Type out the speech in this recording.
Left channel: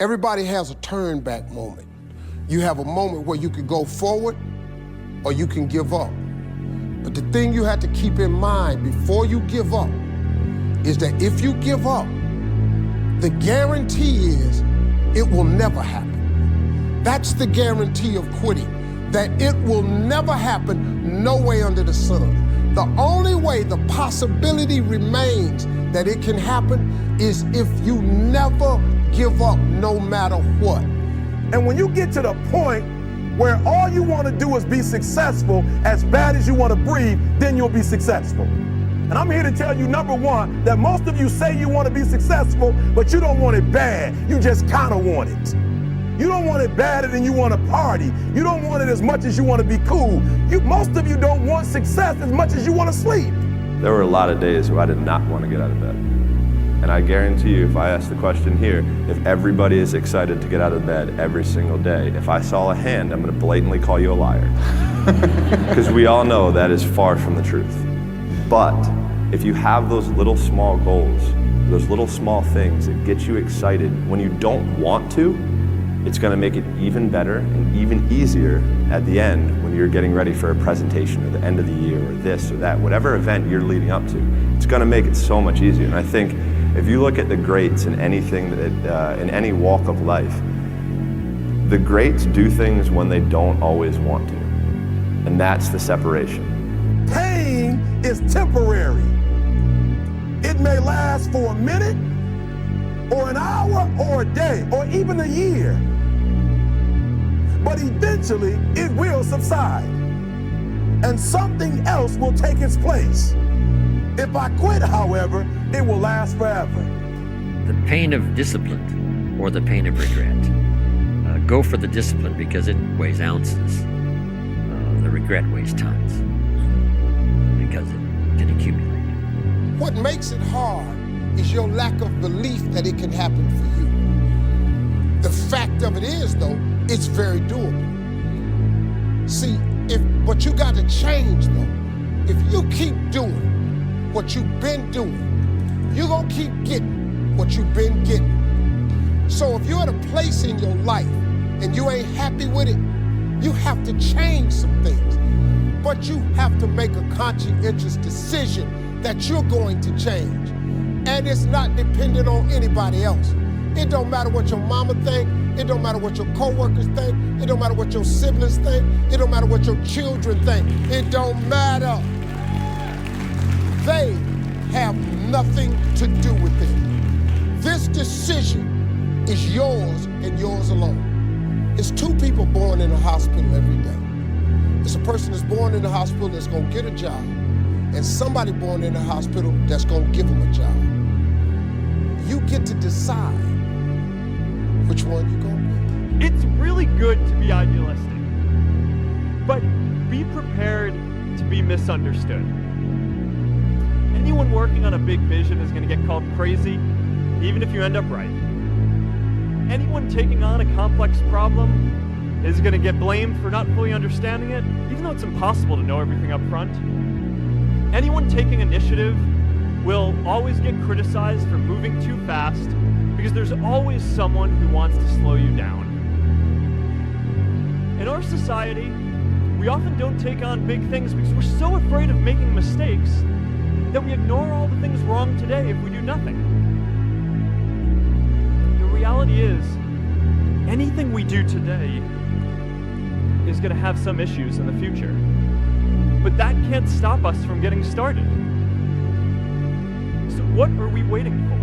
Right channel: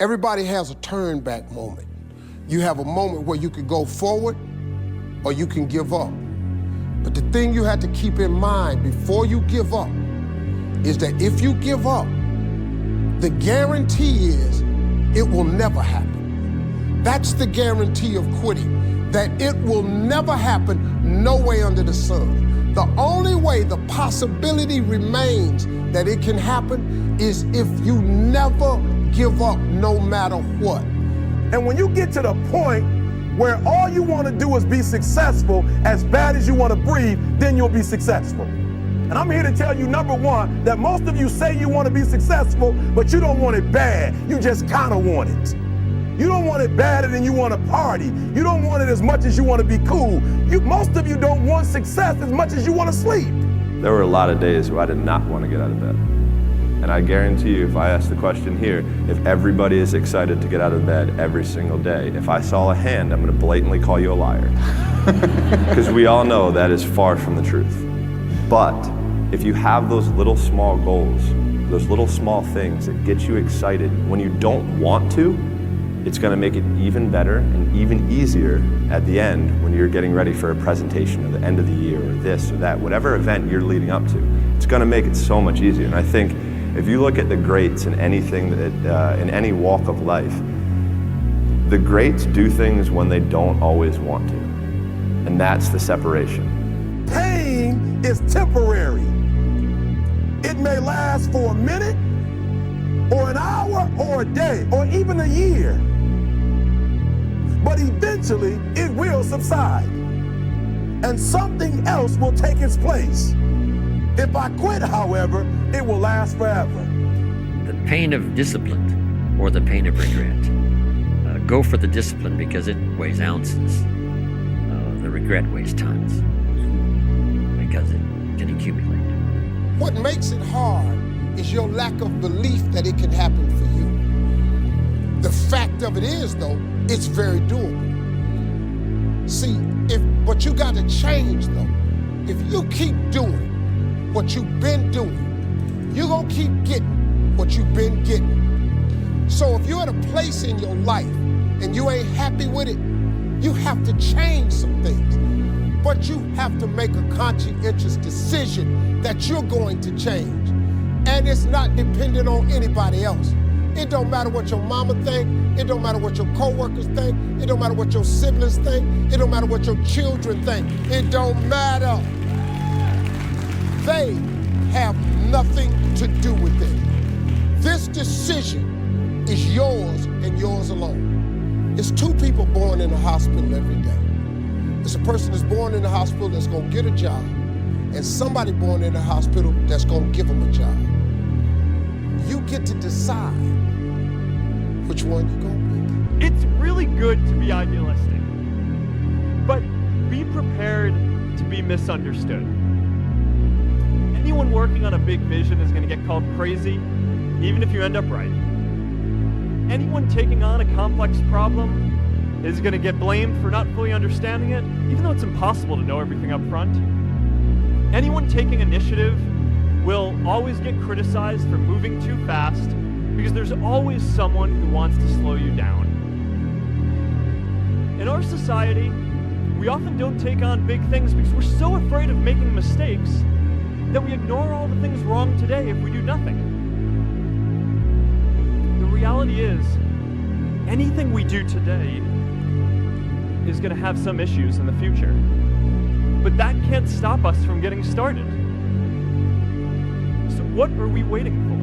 Everybody has a turn back moment. You have a moment where you could go forward or you can give up. But the thing you have to keep in mind before you give up is that if you give up, the guarantee is it will never happen. That's the guarantee of quitting, that it will never happen, no way under the sun. The only way the possibility remains that it can happen is if you never give up no matter what. And when you get to the point where all you want to do is be successful as bad as you want to breathe, then you'll be successful. And I'm here to tell you, number one, that most of you say you want to be successful, but you don't want it bad. You just kind of want it. You don't want it badder than you want to party. You don't want it as much as you want to be cool. Most of you don't want success as much as you want to sleep. There were a lot of days where I did not want to get out of bed. And I guarantee you, if I ask the question here, if everybody is excited to get out of bed every single day, if I saw a hand, I'm going to blatantly call you a liar. Because we all know that is far from the truth. But if you have those little small goals, those little small things that get you excited when you don't want to, it's going to make it even better and even easier at the end when you're getting ready for a presentation or the end of the year or this or that, whatever event you're leading up to. It's going to make it so much easier. And I think if you look at the greats in anything that, in any walk of life, the greats do things when they don't always want to. And that's the separation. Pain is temporary. It may last for a minute, or an hour, or a day, or even a year. But eventually, it will subside, and something else will take its place. If I quit, however, it will last forever. The pain of discipline or the pain of regret. Go for the discipline because it weighs ounces. The regret weighs tons because it can accumulate. What makes it hard is your lack of belief that it can happen for you. The fact of it is, though, it's very doable. See, but you got to change, though. If you keep doing what you've been doing, you're gonna keep getting what you've been getting. So if you're at a place in your life and you ain't happy with it, you have to change some things. But you have to make a conscientious decision that you're going to change. And it's not dependent on anybody else. It don't matter what your mama think, it don't matter what your coworkers think, it don't matter what your siblings think, it don't matter what your children think, it don't matter. They have nothing to do with it. This decision is yours and yours alone. It's two people born in a hospital every day. It's a person that's born in a hospital that's gonna get a job, and somebody born in a hospital that's gonna give them a job. You get to decide which one you're gonna be. It's really good to be idealistic, but be prepared to be misunderstood. Anyone working on a big vision is going to get called crazy, even if you end up right. Anyone taking on a complex problem is going to get blamed for not fully understanding it, even though it's impossible to know everything up front. Anyone taking initiative will always get criticized for moving too fast because there's always someone who wants to slow you down. In our society, we often don't take on big things because we're so afraid of making mistakes that we ignore all the things wrong today if we do nothing. The reality is, anything we do today is going to have some issues in the future. But that can't stop us from getting started. So what are we waiting for?